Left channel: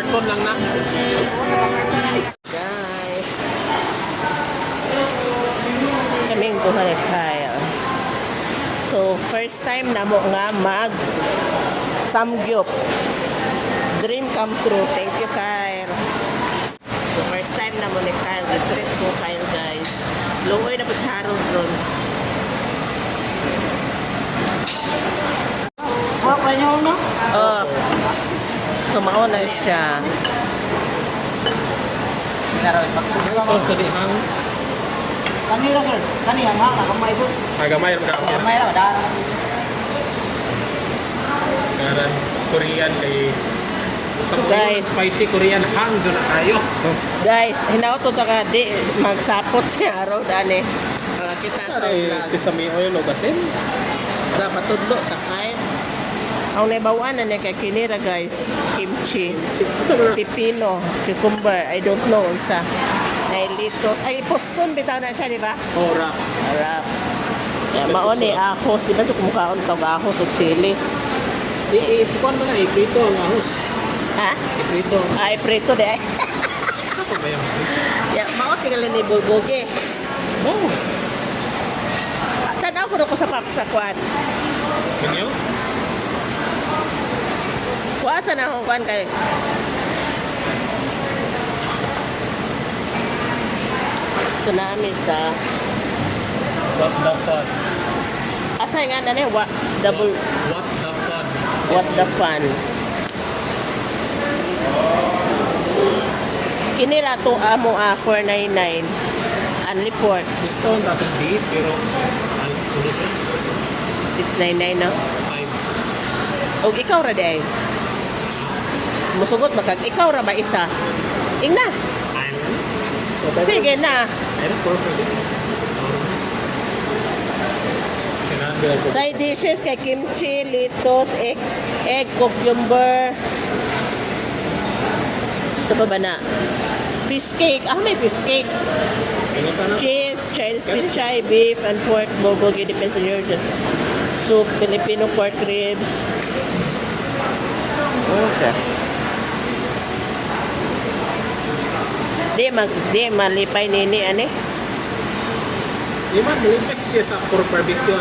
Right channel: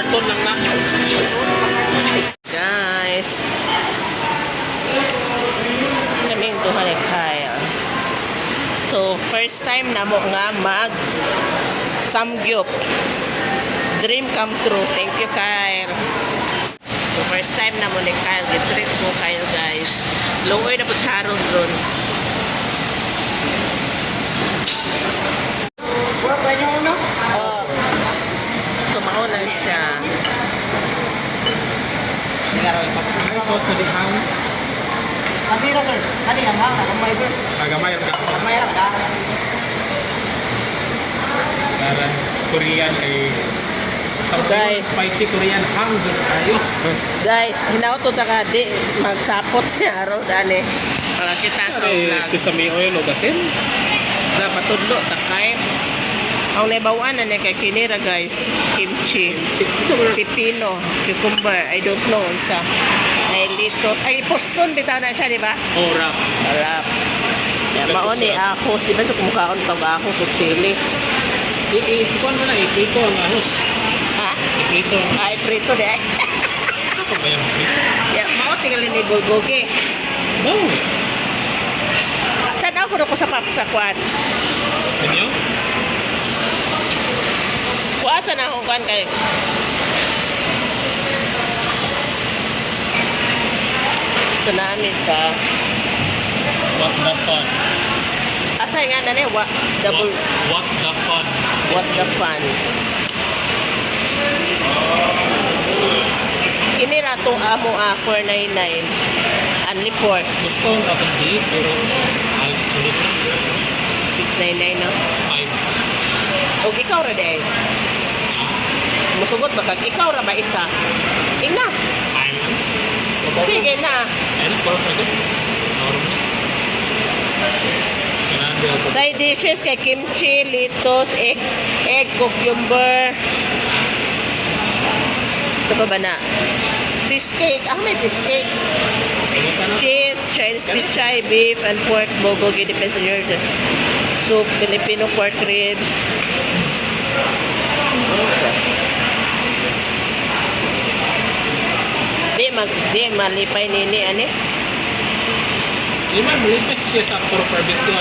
karton lang na. Guys, kaming duha ni Kyle. So, first time na mo nga mag samgyup. Dream come true. Thank you, Kyle. So, first time na mo ni Kyle. Get-treat ko Kyle, guys. Luoy na po sa Harold ron. Oh. So, mauna siya. Sauce ko di hang. Kanira sir, kanira nga, kamay sir. Agamay ram ka. Kamay lang, Karan Korean kay So, guys, spicy Korean hang dyan na tayo. guys, hinauto ta ka di magsapot siya araw dani. Para kita sa vlog. Sesame oil o gasin. Dapat tudlo ta kay. Ang naibawan na niya kay kinira guys, kimchi, pipino, cucumber, I don't know unsa. Ay litos, ay poston bitaw na siya, di ba? Oh, wrap. Harap. Mao ni ahos, di ba ito kumukhaon tawag ahos o chili? Ikuan mo na, iprito ang ahos. Ha? Iprito. Ay, prito di ay. Ako ba yung prito? Ya, mao tingali ni bulgogi. No. Tanaw ko sa papakwan. Ano? Kuasa na akong kwan kayo. So namin sa What the fun? asay nga na what double What the fun? what the fun. Kini rato amo 499 only pork Discount natin di, pero ay sulit. 699 no. Ay, Og ikaw ra day. Musugot na kag ikaw ra ba isa? Ingna. ayun. Sige na. Ayun, perfect. Side dishes kay kimchi, litos, egg cucumber. Ito pa ba na? Fish cake. Ah, may fish cake. Cheese, Chinese pichay, beef, and pork bulgogi. Depends on your soup, Filipino pork ribs. Okay. Di malipay nini ani. Lima, malipit siya sa puro barbecue.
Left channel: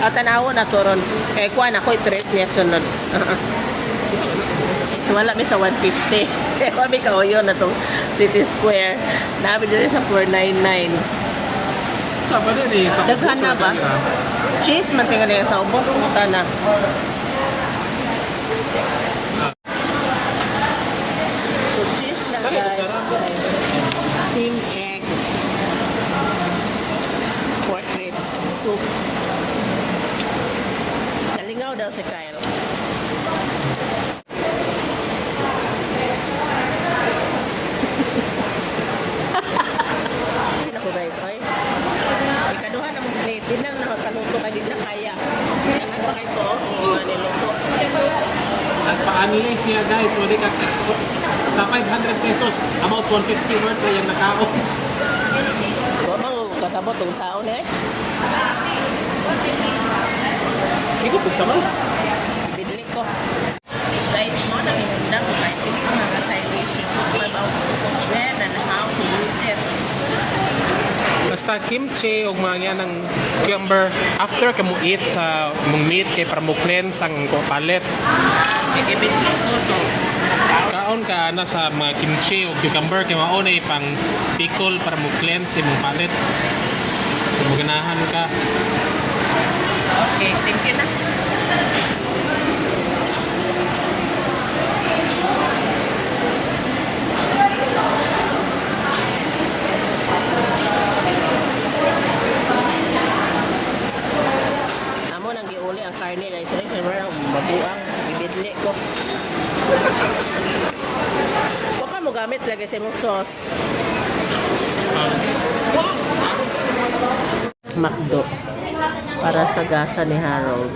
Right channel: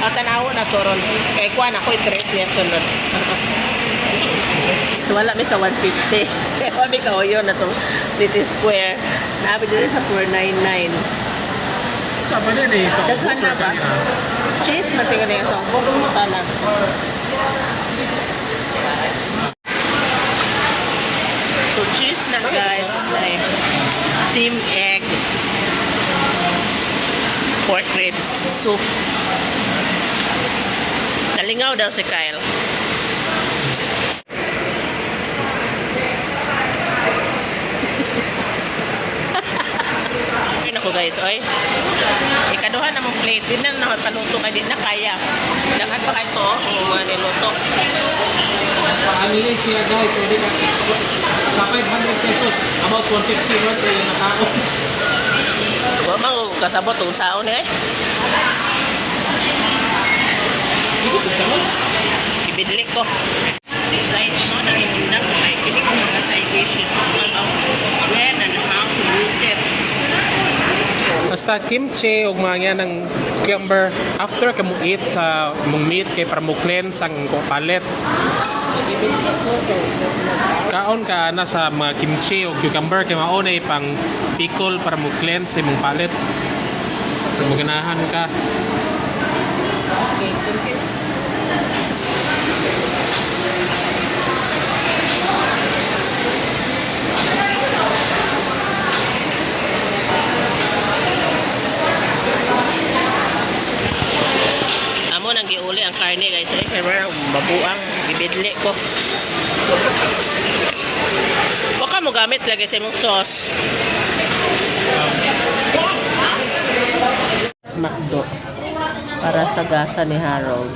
O tanawo na to ron. Kay kuha na ko i-treat niya sunod. So wala mi sa 150. Kaya kami kauyo na to City Square. Nabi dito sa 499. Sama din eh, sa Daghan na ba? Cheese matingan na sa ubong na. So cheese na guys. Ay, steamed egg. Pork ribs, soup. Nalingaw daw si Kyle. Ay nako guys, oy. Ikaduha na mong plate. Di na naman paluto kay di na kaya. Dagan pa kayo to, mga niluto. Paanilis niya guys, pwede ka sa 500 pesos, about 150 worth eh, yung nakao. Wa mang kasabot tong saon eh. Hindi ko pagsamay. Ibidli ko. Guys, no na imundang kay kini ko mga side dishes about when and how to use it. Basta kimchi o mga ng cucumber after ka mo eat sa mong meat kay para mo cleanse ang palet. Ibidli ko so Kaon ka na sa mga kimchi o cucumber kay mao na pang pickle para mo cleanse imong palet. Para mo ganahan ka. okay, thank you na. Amo nang giuli ang karne guys. Ay, pero mabuang bibidli ko. Huwag ka mo gamit lagi sa imong sauce. McDo para sa gasa ni Harold.